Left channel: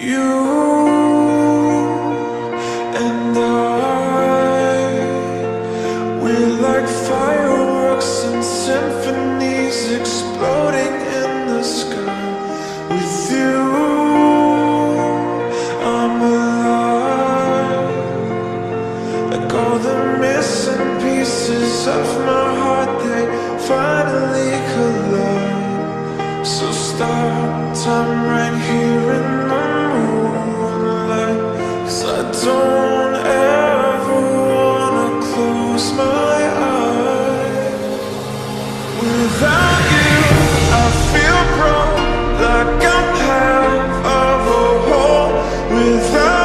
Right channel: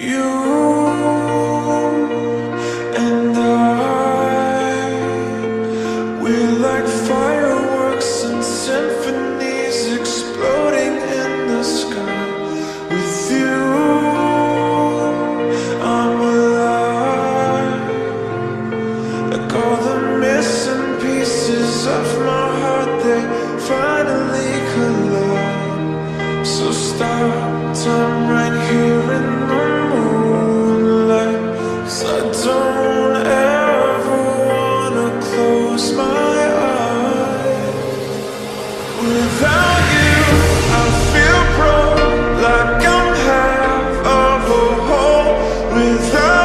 You and we're like fireworks and symphonies exploding in the sky. With you, I'm alive. Like all the missing pieces of my heart, they finally collide. So stop time right here in the moonlight, 'cause I don't ever wanna close my eyes. Without you, I feel broke, like I'm half of a whole. Without